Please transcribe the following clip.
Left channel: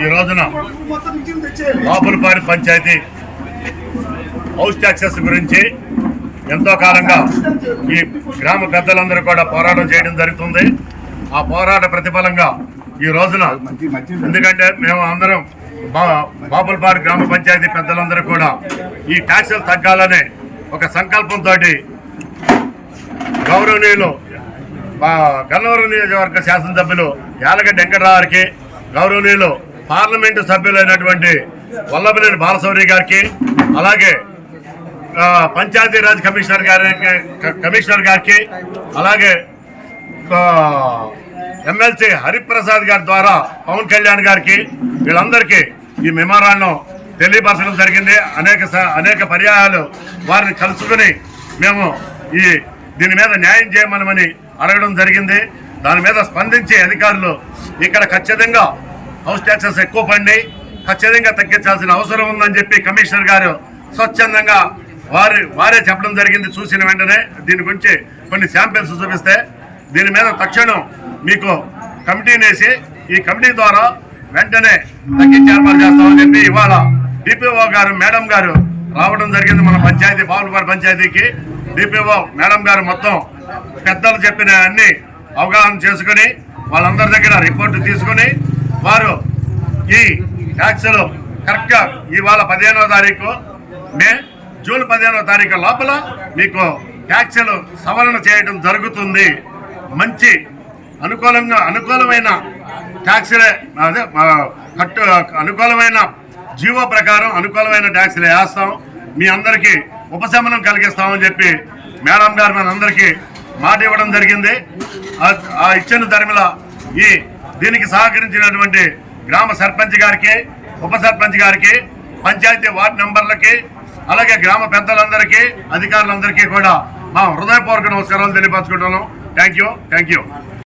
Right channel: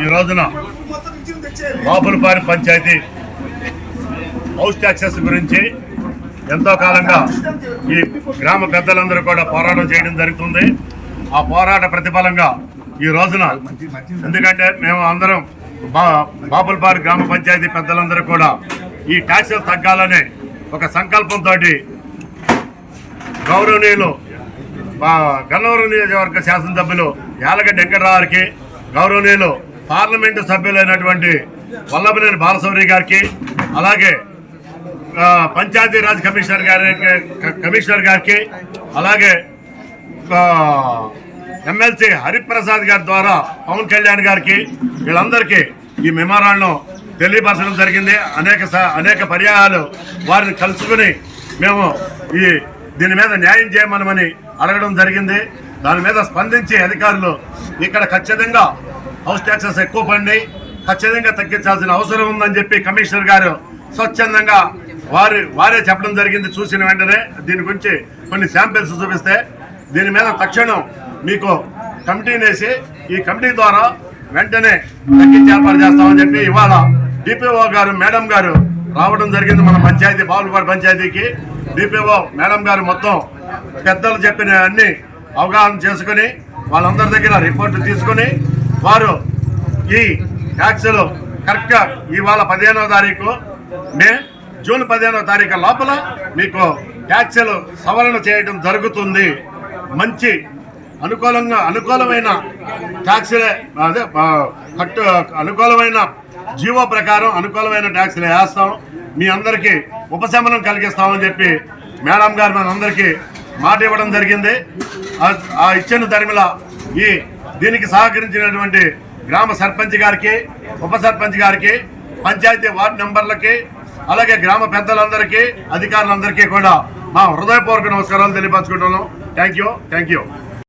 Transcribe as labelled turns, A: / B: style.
A: ఈ రోజున బాపులపాడి panchayat house taxes గురించి ఎంతో కాలంగా ఈ గ్రామ పెద్దలందరూ కూడా పోరాటం చేయడం జరుగుతుంది. ఆ పోరాట ప్రతిఫలంగా ఈ రోజున ఎందుకంటే మేము అందరం బా బాపులపాడు గ్రామ పంచాయతీ పెద్దలందరూ కూడా ఈ ట్యాక్సులు తగ్గాలనే ఒక సంకల్పంతో గౌరవనీయులు గన్నవరం నియోజకవర్గ శాసనసభ్యులు యాలగడ్డ వెంకటరావుకి గౌరవనీయులు పార్లమెంటు సభ్యులైనటువంటి వల్లభనేని బాలశౌరి గారికి అలాగే పంచాయతీ పంచాయతీరాజ్ కమిషనర్ గారికి కమిషనర్ గారికి అలాగే ఎమ్మెల్సీ హరిప్రసాద్ గారి ద్వారా పవన్ కళ్యాణ్ గారికి వీళ్ళందరికీ ఈ మెమోరాండం తెలియపరచడం జరిగింది. అనేక స- అనేక పర్యాయాలు వారిని కలుసుకుని మేము ఈ దీని మీద న్యాయం చేయమనమని అడగడం జరిగింది. దాని మీద స్పందించి అధికారులు ఇక్కడ ఖచ్చితంగా హౌస్ ట్యాక్సెస్ ఎక్కువ పడినాయి. ఖచ్చితంగా తగ్గించాల్సిన అవసరం ఉందని చెప్పి కమిషనర్ గారు స్వచ్ఛందంగా వారి వారే చెప్పడం జరిగింది. చూసిన వెంటనే దీని గురించి కొన్ని శాంపిల్స్ చూపిస్తే దీని మీద తక్షణం మీకు కమిటీని వేసి ఈ కమిటీ ద్వారా వెంటనే తగ్గించి ఏర్పాటు చేస్తామని చెప్పి ఇవాళ డిపిఓ గారు మేడం గారు రావడం జరిగింది మన పంచాయతీ బాబులపాడు పంచాయతీకి. డిపిఓ మేడం గారు మొత్తం పెద్దలు చెప్పిన అన్ని అవగాహన చేసుకుని వాళ్ళందరి దగ్గర రిపోర్టు తీసుకుని వారు ఈ ట్యాక్సులు కరెక్ట్గా ఇవాళ పదిహేనో తారీఖు మే జూన్ పదిహేనో తారీఖు లోపల మీకు ట్యాక్సులు సవరణ చేయడం జరుగుతుంది. మంచి అనుకూలంగా అనుకూలమైన ట్యాక్సులే అదే కట్టు అనుకూలమైన జీవో ప్రకారం అనుకూలమైన ట్యాక్సులు వేస్తాం. మీ అందరికీ ఉపశమనం కలిగిస్తామని చెప్పి మేడం గారు మనందరికీ మాట ఇవ్వడం జరిగింది. ఆ- ఆ ఇచ్చిన ధర్మిల ఈ దీనికి సహకరించినటువంటి గ్రామ సర్పంచ్ గారికి ఉప సర్పంచ్ గారికి పంచాయతీ వార్డు మెంబర్లకి అలాగే గ్రామ పెద్దలందరికీ అధికారులందరికీ కూడా మా హృదయపూర్వక నమస్కారాలు తెలియపరచుకుంటున్నాం. Thank you thank you